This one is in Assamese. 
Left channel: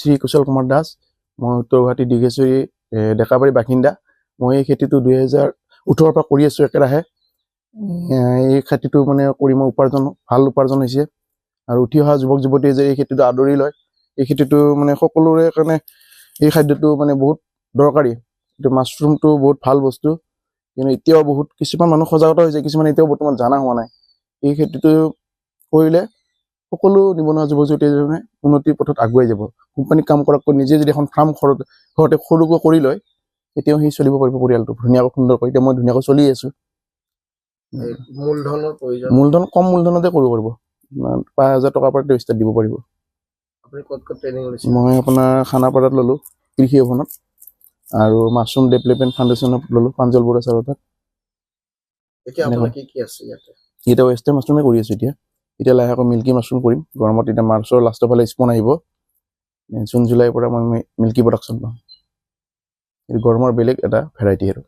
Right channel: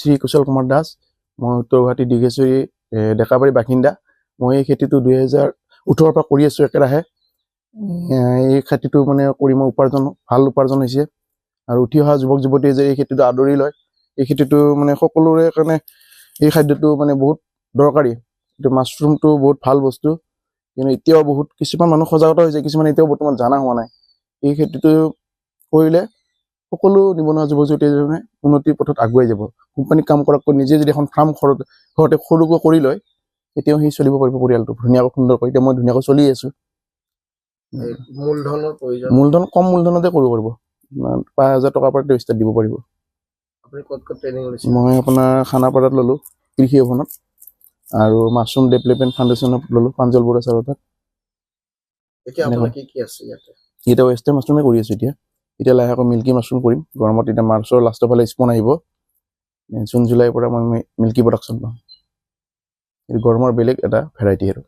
শ্ৰী কুশল কুমাৰ দাস, মই উত্তৰ গুৱাহাটী দীঘেশ্বৰী ডেকাবাৰী বাসিন্দা। মই এই খেতিটো 2018 পৰা কৰি আছোঁ একেৰাহে। এই খেতিটো মানে কৰি মই ভাল উপাৰ্জন হৈছে। আৰু উঠি অহা যুৱক যুৱতীয়ে যে এই খেতিটো আদৰি লয়, এই খেতিটো মানে সকলোৰে কাৰণে এই খাদ্যটো মানে বহুত দৰকাৰী। এইটো মাছৰুমটো বহুত ভাল বস্তু, কিন্তু এতিয়াও বহুত কিছুমান মানুহ সজাগতা হৈছে, কিছুমান এতিয়াও বৰ্তমান জনা হোৱা নাই। এই খেতিটো কৰিলে সকলো নিবনুৱা যুৱক যুৱতীয়ে উন্নতিৰ পথত আগুৱাই যাব। কোম্পানীত কাম কৰাতকৈ নিজে যদি এখন ফাৰ্ম ঘৰতে সৰুকৈ কৰি লয়, তেতিয়াও সি চলিব পাৰিব পৰিয়ালটো ধুনীয়াকৈ সুন্দৰকৈ। এতিয়া মই ধুনীয়াকৈ চলি আছোঁ। মূলধন কম মূলধনতে কৰিব পাৰিব, 5,000 টকাৰ পৰা ষ্টাৰ্ট দিব পাৰিব। মই আপোনাৰ খানাপাৰাত ল'লোঁ, কৃষি ভৱনত, আৰু মাছৰুম ডেভেলপমেণ্ট ফাউণ্ডেশ্যনত ল'লোঁ, প্ৰাঞ্জল বৰুৱা ছাৰৰ তাত। এতিয়া ৱেষ্টাৰ্ণ মাছৰুমে কৰি আছোঁ। এতিয়া লাহেকৈ মিল্কী মাছৰুম কৰিম গৰমত। এতিয়া মাৰ্চৰ লাষ্টৰ ফালে স্পন আহিব, জুন জুলাইৰ পৰা মই মিল্কী প্ৰডাকশ্যন পাম। এইটো গৰমৰ বেলেগ এটা ভেৰাইটি আৰু।